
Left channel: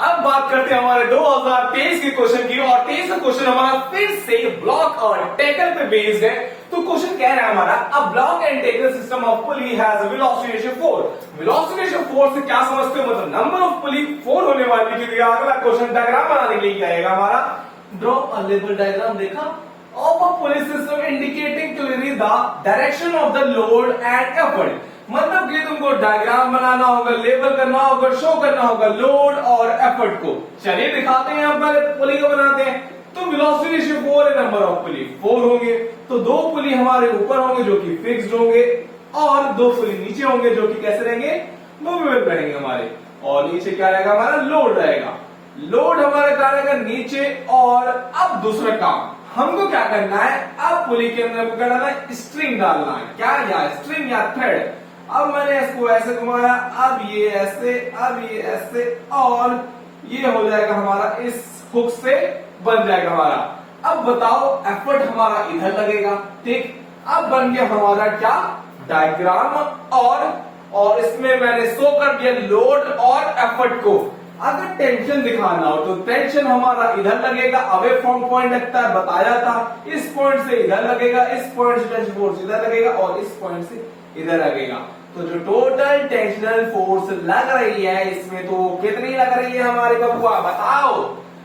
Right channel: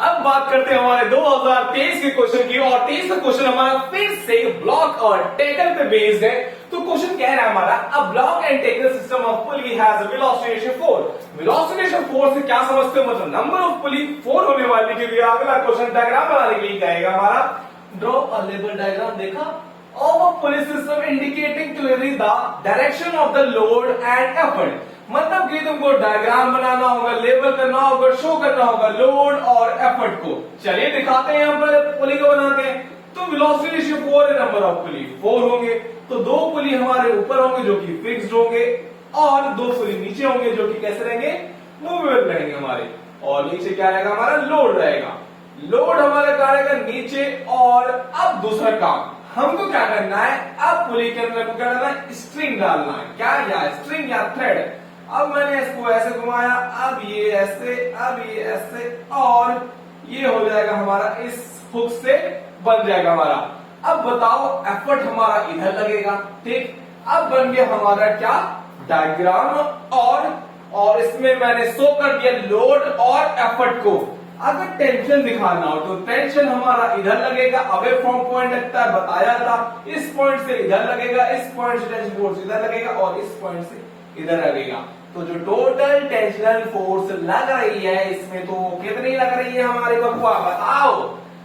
अब बात करते हैं हमारे 2023 के क्वेश्चन की, और 23 का क्वेश्चन हमारा फिर से ब्लॉक और टैकल पे बेस्ड है। तो क्वेश्चन कह रहा है हमारा, a block and tackle system of pulley has a velocity ratio 4। Velocity ratio 4 से क्या समझते हो, मतलब नंबर ऑफ पुली 4 होने वाली के लिए अगला क्वेश्चन डायग्राम बनाने के लिए कहेगा हमारा, ड्रॉ अ लेवल डायग्राम। देखा, of a pulley system indicating clearly the direction of the load and effort। मतलब कि तुमको डायग्राम बनाना होगा, लेबल करना होगा, शो करना होगा लोड और एफर्ट को। चलिए दिखाते हैं, यहाँ पर पुली को बनाते हैं। तो वेलोसिटी रेशियो 4 है, नंबर ऑफ पुली 4 होंगे, तो 2 पुली हमारे ऊपर होंगे जो कि फिक्स्ड होंगे, और 2 पुली नीचे होंगे जो कि कैसे रहेंगे, मूवेबल रहेंगे हमारे। और नीचे क्या रहेगा हमारा, लोड रहेगा। लोड हमारा क्या रहेगा, नीचे। और अब दूसरा काम हमको क्या करना है, अब पुली के अंदर क्या डालना है, स्ट्रिंग डालना है। क्या, या स्ट्रिंग या थ्रेड। अब मैंने इसको ऐसे घुमाया, अब ये ऐसे और ये हो जाएगा हमारा, इस हुक से बन जाएगा हमारा। अब बताओ एफर्ट हमारा इधर लगेगा, ठीक। अब बन गया हमारा क्या, डायग्राम, और इसमें मैंने शो कर दिया लोड और एफर्ट को। अगर टेंशन दिखाना हो तो टेंशन हमारा इधर लगेगा, अवे फ्रॉम पॉइंट लगता है, बताया था। इस पॉइंट से इधर लगेगा, इस पॉइंट से टेंशन फोर्स इधर लगेगा और इस पॉइंट से इधर लगेगा। तो जो टोटल टेंशनल फोर्स लग रही है इसमें, तो कितनी लग रही है हमारे बबुआ, बताओ।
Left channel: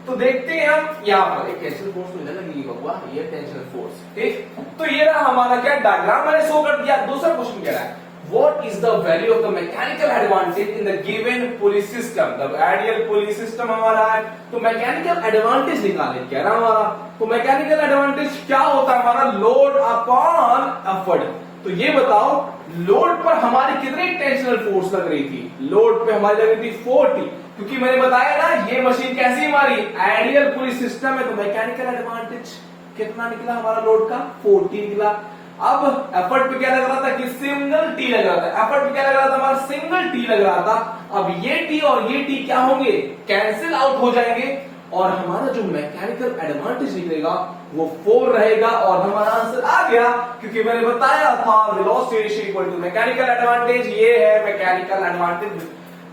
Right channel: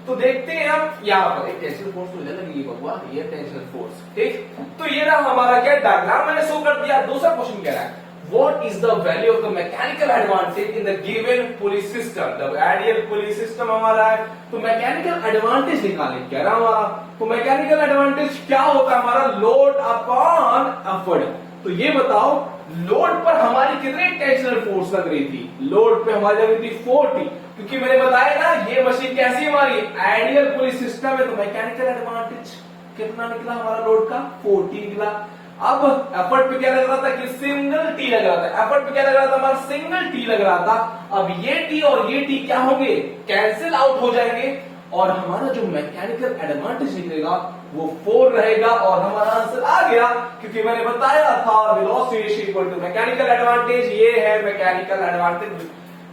तो देखते हैं हम यहाँ पर एक टेंशन फोर्स तो इधर लगेगी बबुआ, ये टेंशन फोर्स, ठीक। तो ये रहा हमारा क्या, डायग्राम मैंने शो कर दिया। दूसरा क्वेश्चन कह रहा है, what is the value of the mechanical advantage in the given pulley system? The ideal pulley system हमारा है, तो मैकेनिकल एडवांटेज निकालें कह रहा हमारा। तो मैकेनिकल एडवांटेज क्या होता है हमारा, लोड अपॉन एफर्ट। तो ये बताओ लोड पर हमारी कितनी टेंशनल फोर्स लग रही थी, लोड पे हमारी लग रही थी 40, क्योंकि मैंने बताया ना ये मशीन कैसी हमारी आइडियल पुली सिस्टम है। तो मैकेनिकल एडवांटेज कितना निकला हमारा, लोड का 40 निकला। अब एफर्ट पे क्या लग रहा था कि सिंगल टी लग रहा था, एफर्ट पे क्या लग रहा था हमारा, सिंगल टी लग रहा था। अब ये टी और ये टी क्या होंगे, कैंसिल आउट हो जाएंगे और हमारा जो मैकेनिकल एडवांटेज निकलेगा वो 4 रहेगा और हमारा आंसर आ गया, क्योंकि मैंने बताया था velocity ratio equal to mechanical advantage. ये है मैकेनिकल एडवांटेज,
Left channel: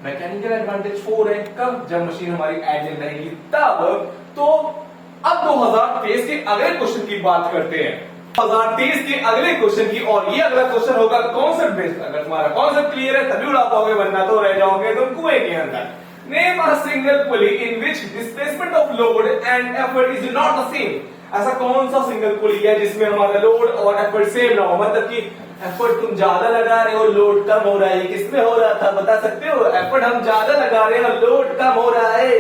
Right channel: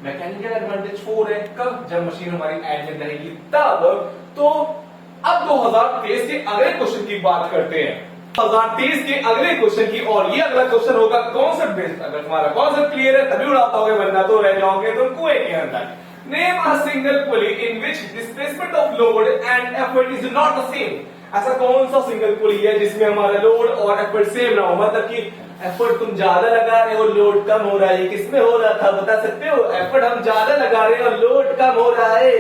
मैकेनिकल एडवांटेज 4 है। कब, जब मशीन हमारी आइडियल रहेगी तब। तो अब 2023 के अगले क्वेश्चन की बात करते हैं, 2023 के अगले क्वेश्चन की। और ये अगला क्वेश्चन होगा कॉन्सेप्ट बेस्ड। अगर तुम्हारा कॉन्सेप्ट क्लियर है तभी उड़ा पाओगे, वरना तो रह जाओगे तुम कुएं के अंदर। Name a single pulley in which displacement of load and effort is not the same. ऐसा कौन सा सिंगल पुली है जिसमें हमारा लोड और एफर्ट सेम ना हो, मतलब कि एफर्ट तुम ज्यादा लगा रहे हो, लोड कम हो रहा है। किसमें हो रहा था बता सकते हो, एफर्ट हम ज्यादा लगा रहे हैं और लोड कम हो रहा है।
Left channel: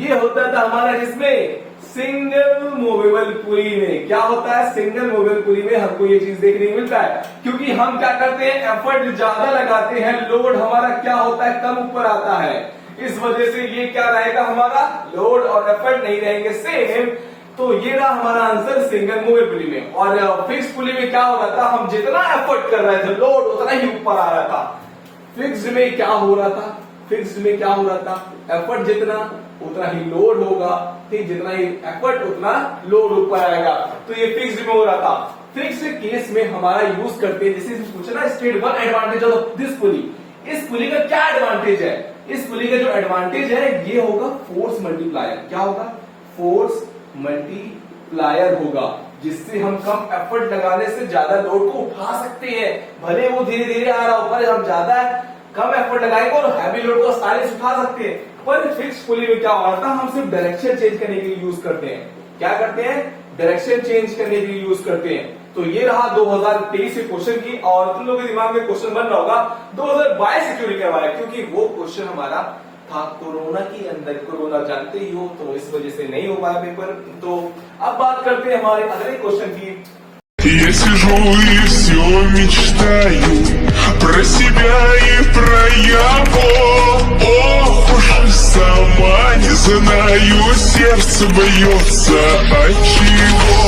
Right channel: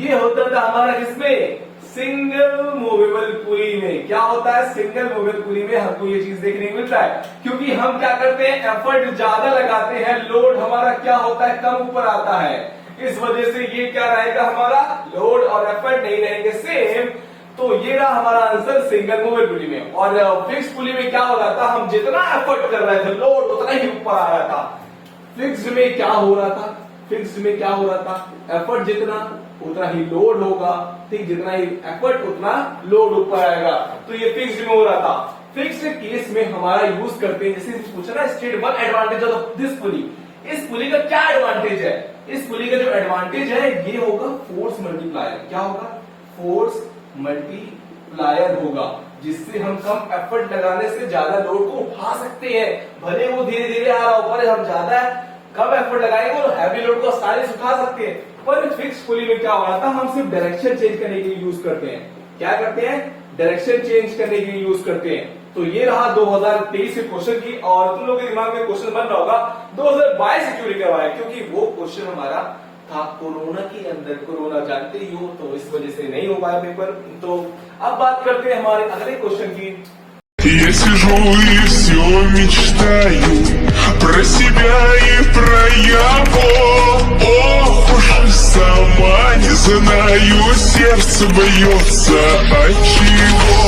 ये होता था हमारा जिसमें, सिंगल मूवेबल पुली में। क्या होता है, सिंगल मूवेबल पुली में हमको ये चीज देखने को मिलता है, क्योंकि हम क्या करते हैं, एफर्ट ज्यादा लगाते हैं, लोड हमारा क्या होता है, कम ऊपर आता है। इस वजह से ये क्या रहेगा हमारा, लोड और एफर्ट नहीं रहेंगे सेम। तो ये रहा हमारा आंसर सिंगल मूवेबल पुली में। और फिक्स पुली में क्या हो रहा था, हम जितना एफर्ट कर रहे थे लोड उतना ही ऊपर आ रहा था। फिक्स्ड में क्या हो रहा था, फिक्स्ड में क्या हो रहा था, एफर्ट जितना उतना ही लोड होगा, ठीक, जितना ही एफर्ट उतना लोड ऊपर आएगा। तो ये फिक्स्ड में हो रहा था। फिक्स्ड केस में हमारा यूज करते हैं, जैसे पूछा ना state one advantage of this pulley. इस पुली का क्या एडवांटेज है, इस पुली का जो एडवांटेज है ये होगा फोर्स मल्टीप्लायर। क्या होगा, फोर्स मल्टीप्लायर होगा, जिससे हम कम एफर्ट लगाने से ज्यादा लोड को उठा सकते हैं। भले वो धीरे धीरे आ रहा ऊपर, हम ज्यादा कम एफर्ट लगाएंगे और हैवी लोड को आसानी से उठा सकते हैं। पर फिक्स पुली में क्या होता है, हम सिर्फ डायरेक्शन चेंज करने के लिए यूज करते हैं। क्या करते हैं, डायरेक्शन चेंज करने के लिए यूज करते हैं। तो ये रहा 2023 के क्वेश्चन की। और तुम लोगों के दिमाग में क्वेश्चन बन रहा होगा 2022 से क्यों लिखा हुआ है, क्योंकि वो क्वेश्चन हमारा था कोरोना के अंदर। कोरोना जानते ही हो, तो इस वजह से नहीं हो पाया पेपर। तो अब बात करते हैं हमारे अगले क्वेश्चन की। Я сижу и все мечтаю про себя и про его. Ох уж сама не знаю, сердце бьется от чего.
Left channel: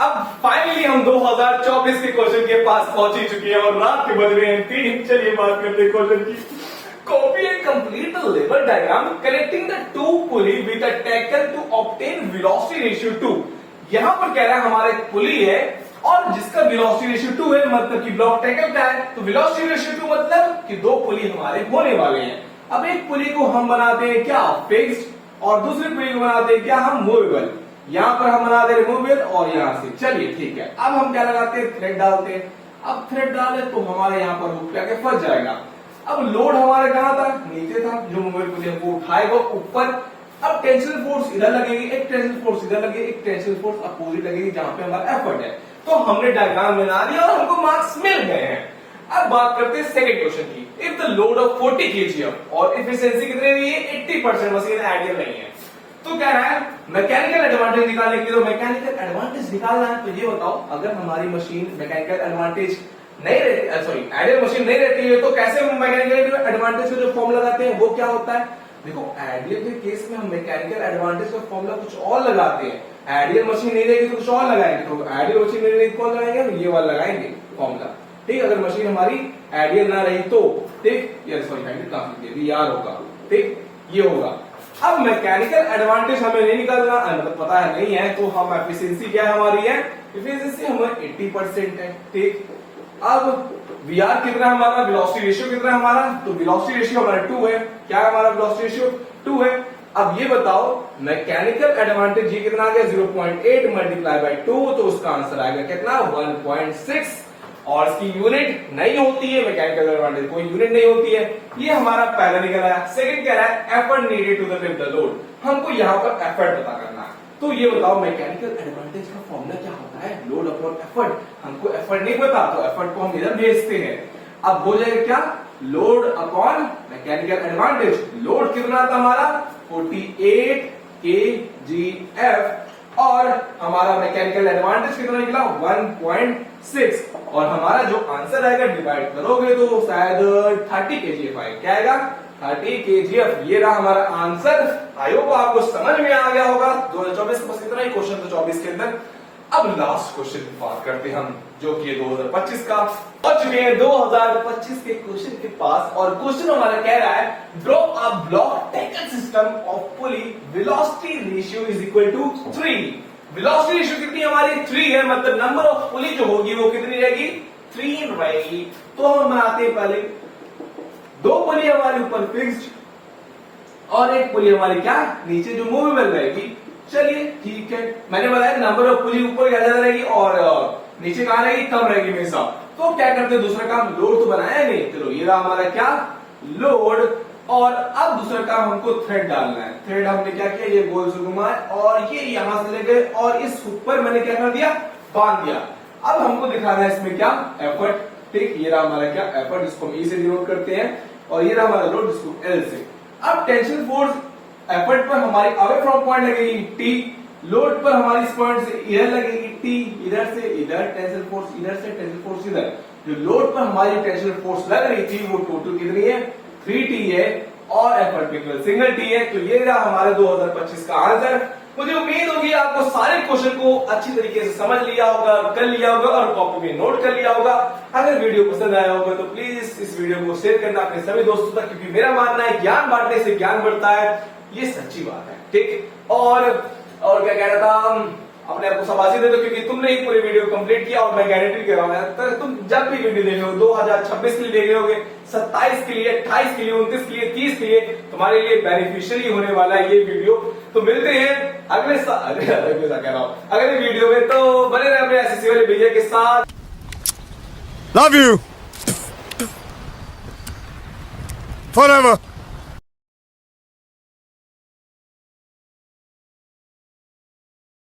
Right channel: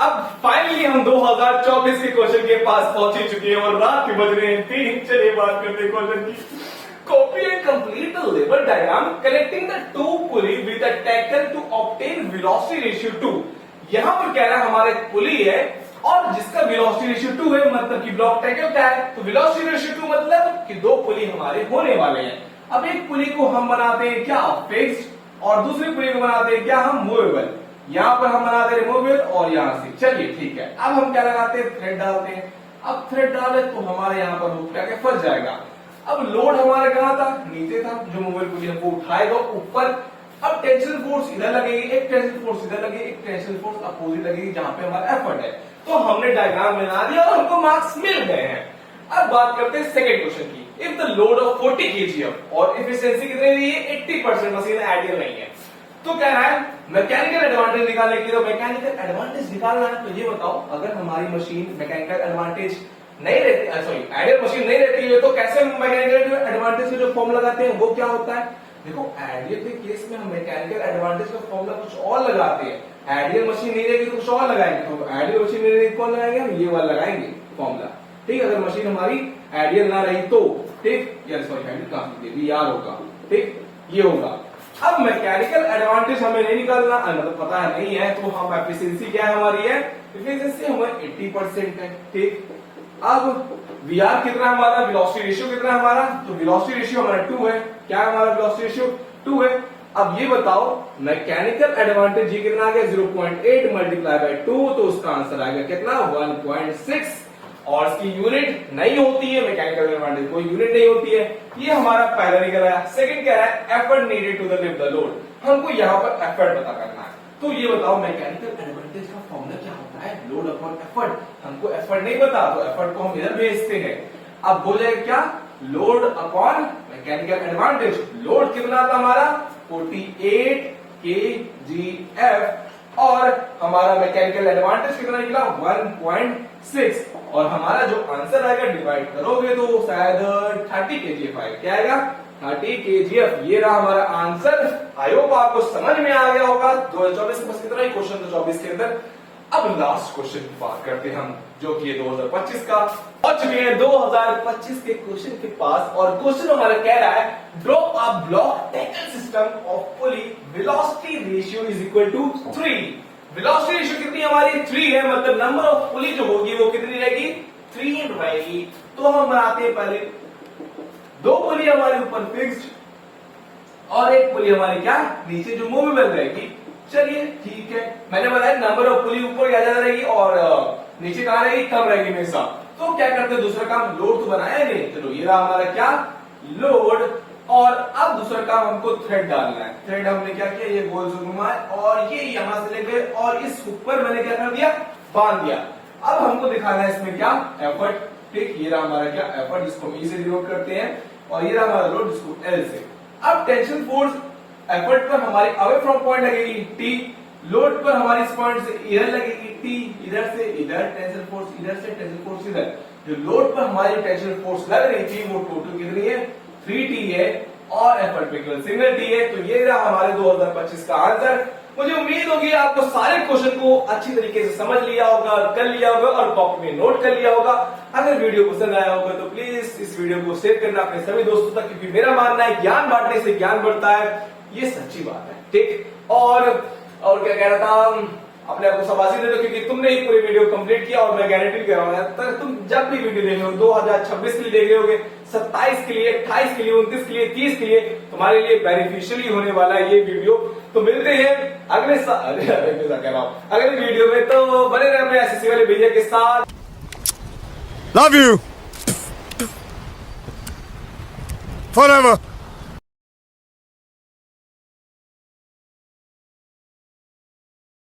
अब फाइनली हम 2024 के क्वेश्चन के पास पहुंच ही चुके हैं और रात के बज रहे हैं 3। चलिए बात करते हैं क्वेश्चन की। Copy and complete the lever diagram connecting the two pulley with a tackle to obtain velocity ratio 2। यहाँ पर कह रहा है हमारा एक पुली है और जिसका वेलोसिटी रेशियो 2 है, मतलब कि ब्लॉक टैकल का है। तो वेलोसिटी रेशियो 2 मतलब कि 2 पुली हमारे होने वाले हैं। अब एक पुली को हम बनाते हैं क्या, फिक्स्ड, और दूसरी पुली को बनाते हैं क्या, हम मूवेबल। यहाँ पर हम बनाते हैं मूवेबल और यहाँ से। चलिए ठीक है, अब हम क्या लगाते हैं, थ्रेड डालते हैं। अब थ्रेड डाले तो हमारे यहाँ पर हुक क्या फंस जाएगा। अब लोड हमारे कहाँ था, नीचे था, जो मूवेबल पुली हमको उठाएगा ऊपर। अब टेंशन फोर्स इधर लगेगी, एक टेंशन फोर्स इधर लगेगी, एक टेंशन फोर्स अपोजिट लगेगी जहां पे हमारा एफर्ट है। तो हमने डायग्राम बना लिया और हमको मार्क्स मिल गए हैं। अब बात करते हैं सेकंड क्वेश्चन की। If the load of 40 kg और इफिशिएंसी कितनी दी है, 80%, मशीन आइडियल नहीं है। तो कह रहा है मैकेनिकल एडवांटेज निकालने के लिए, मैकेनिकल एडवांटेज निकालना है। तो ये बताओ, अगर हमारी मशीन मैकेनिकल एडवांटेज नहीं रहती, सॉरी आइडियल मशीन नहीं रहती है, तो कैसे मैकेनिकल एडवांटेज का जो फॉर्म लगाते हैं वो क्या होता है, देखो आइडियल के केस में हम मैकेनिकल एडवांटेज का फॉर्मूला कुछ और लगाते हैं, आइडियल मशीन नहीं रहेगी तो कुछ और लगाएंगे, तो आइडियल मशीन नहीं रहेगी कौन लगाएंगे, हम ये वाला लगाएंगे फॉर्मूला। ठीक, अगर मशीन हमारी आइडियल ना रही तो ठीक, ये सॉरी VR होगा, ठीक, ये होगा। अब मैकेनिकल एडवांटेज हमें नहीं निकालना, मतलब पता है नहीं है, तो हम एफिशिएंसी क्या हमारी है, एफिशिएंसी हमारी 80% है। ठीक, अब VR कितना है हमारा, वेलोसिटी रेशियो कितना है हमारा, तो वेलोसिटी रेशियो हमारा 2 है। क्या है हमारा वेलोसिटी रेशियो, 2 है। अब ये बताओ मैकेनिकल एडवांटेज ये कितना आ गया, 0.8 मल्टीप्लाई बाय 2, तो उसका आंसर आ गया कितना, 1.6। और इसकी यूनिट नहीं होती है, मैकेनिकल एडवांटेज कोई यूनिट नहीं होती है। ये हमारा पहला निकल आया। सेकंड कह रहा है effort needed to the lift the load, हमको यहाँ पर एफर्ट पता करना है। तो ये बताओ मैकेनिकल एडवांटेज का फॉर्मूला क्या होता है, लोड अपॉन एफर्ट। हमको एफर्ट नहीं पता तो एफर्ट को हम इधर भेजते हैं। अब हो जाएगा क्या, load upon mechanical advantage. Load कितना था हमारा 48 kgf और हमारा मैकेनिकल एडवांटेज कितना निकला 1.6, और हमारा जो आंसर आएगा डिवाइड करोगे तो शायद 30 kgf आएगा। क्या आएगा, 30 kgf। ये रहा हमारा आंसर। आई होप आपको समझ में आ गया होगा। 2024 बस कितना ही क्वेश्चन था 24 के अंदर। अब लास्ट क्वेश्चन की बात करते हैं हम, जो कि 2025 का। पहुंच चुके हैं 2025 के क्वेश्चन के पास, और क्वेश्चन हमारा कह रहा है draw a block tackle system of pulley, velocity ratio is equal to 3। Velocity ratio कितनी हमारी 3 है, मतलब नंबर ऑफ पुली जो होगी वो कितनी रहेगी, 3 रहेगी। तो हम बनाते हैं पहले 2 पुली हमारे ऊपर फिक्स्ड और 1 पुली हमारी क्या नीचे जो मूवेबल रहेगी। चलिए ठीक है, मैंने बताया नंबर ऑफ पुली ऊपर ज्यादा रहेगी और नीचे कहां रहेगी, कम रहेगी हमेशा। तो क्या करते हैं, दूसरा काम लोड तो बनाया नहीं, चलो ये रहा हमारा क्या लोड। और अब दूसरा काम हमको थ्रेड डालना है। थ्रेड हमने क्या किया, ये गोल से घुमाए और ये यहां से लेकर और इस ऊपर मैंने क्या कर दिया, बांध दिया। अब हमको दिखाना है इसमें क्या, एफर्ट। ठीक, ये रहा हमारा क्या एफर्ट, जिसको हम E से डिनोट करते हैं, और ये रहा हमारा लोड जिसको L से। अब टेंशन फोर्स एफर्ट पर हमारी अवे फ्रॉम पॉइंट लगेगी T, लोड पर हमारी इस पॉइंट से इधर लगेगी T, इधर से इधर टेंशन फोर्स, इधर से टेंशन फोर्स इधर। जो लोड पर हमारी टेंशन फोर्स लग रही थी वो टोटल कितनी है, 3T है, और एफर्ट केवल सिंगल T है। तो ये रहा हमारे 2025 का आंसर। मुझे उम्मीद होगी आपको सारे क्वेश्चन को अच्छी तरीके से समझ लिया होगा, कर लिया होगा और कॉपी में नोट कर लिया होगा। अगर वीडियो पसंद आया होगा तो प्लीज इस वीडियो को शेयर करना अपने सभी दोस्तों तक, क्योंकि मेरा मानना है ज्ञान बांटने से ज्ञान बढ़ता है, ये सच्ची बात है। ठीक, और क्या कह रहा था, अपने आपको शाबाशी दे दो, क्योंकि तुमने ही पूरी वीडियो कंप्लीट किया और मैं गारंटी कर रहा हूं तुम जब भी वीडियो देख रहे हो 2026 के लिए देख रहे होगे, 27 के लिए, 28 के लिए, 29 के लिए, 30 के लिए, तुम्हारे लिए बेनिफिशियली होने वाला है ये वीडियो। तो मिलते हैं अगले कह रहा हूं अगले वीडियो में। तो बने रहे अपने एसएससी वाले भैया के साथ। Love you forever.